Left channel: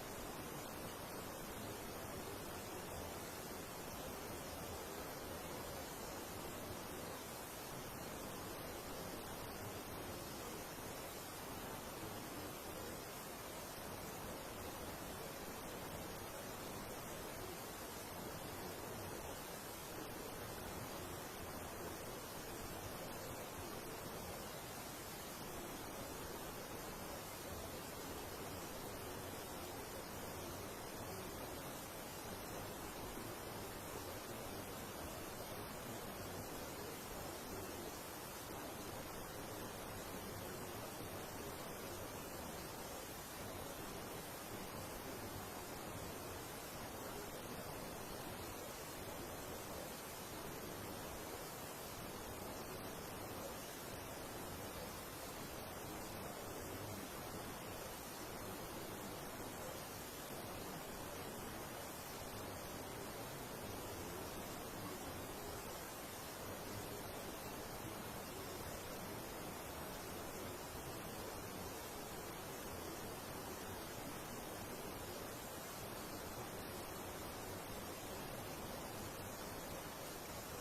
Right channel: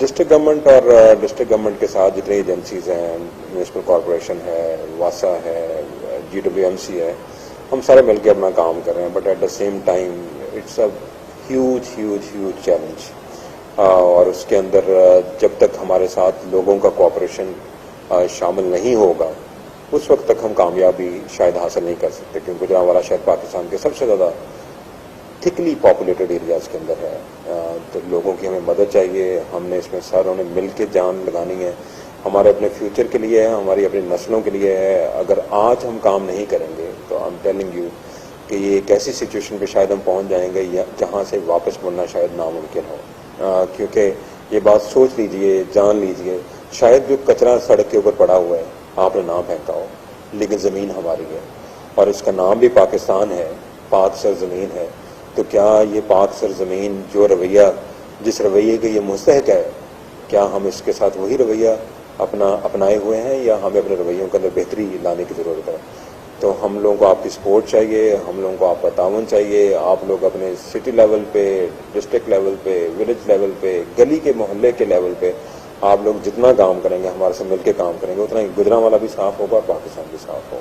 District government और district government के साथ जितनी एजेंसीज हैं, म्यूनिसिपल कॉरपोरेशन है, वासा है, GWMC है, हम सारे मिलकर अपना काम कर रहे हैं, but at the same time it's a huge challenge. और उसके अंदर जब तक हमारे साथ लोगों का कॉपरेशन शामिल नहीं होगा उस वक्त तक हम कामयाबी शायद हासिल नहीं कर सकते, क्योंकि गुजरांवाला शहर पाकिस्तान के सबसे ज़्यादा थिकली पॉपुलेटेड एरियाज़ के अंदर है। तो लोगों की हमें मदद चाहिए, हमने इसमें सारों ने मिल के जान लगानी है, हमारे अपने फ्यूचर के लिए है, हमारी अपनी नस्लों के लिए है। अगर आज हम काम नहीं करेंगे तो आई एम टेलिंग यू कि ये एक ऐसी सिचुएशन पे शायद हम पहुंच जाएंगे जहां से वापस मुड़ना शायद नामुमकिन हो। क्योंकि ये बात सोच लीजिए, जान लीजिए, शायद जो कचरा सड़क के ऊपर पड़ा हुआ है आपने ना फेंका हो, लेकिन ज़मीन हमारी है और इसका नाम भी पाकिस्तान है, पाक सर ज़मीन है। तो क्या ये पाक सर ज़मीन जो रवैया, जिस रवैये के ये मुस्तहक है, क्या हम इसके साथ वही रवैया अपनाए हुए हैं या हमें अपने रवैयों के अंदर बेहतरी लाने की ज़रूरत है? तो हम लोगों को आपकी सपोर्ट चाहिए, हम लोगों को आपका तावन चाहिए। आप लोग अपने सिटी लेवल पे, डिस्ट्रिक्ट लेवल पे, विलेज लेवल पे, गली के मोहल्ले के लेवल पे आप लोग जितना काम करेंगे, हमारे से मिलकर काम करेंगे, उतना ही गुजरांवाला भी साफ़ होगा और पाकिस्तान भी साफ़ होगा।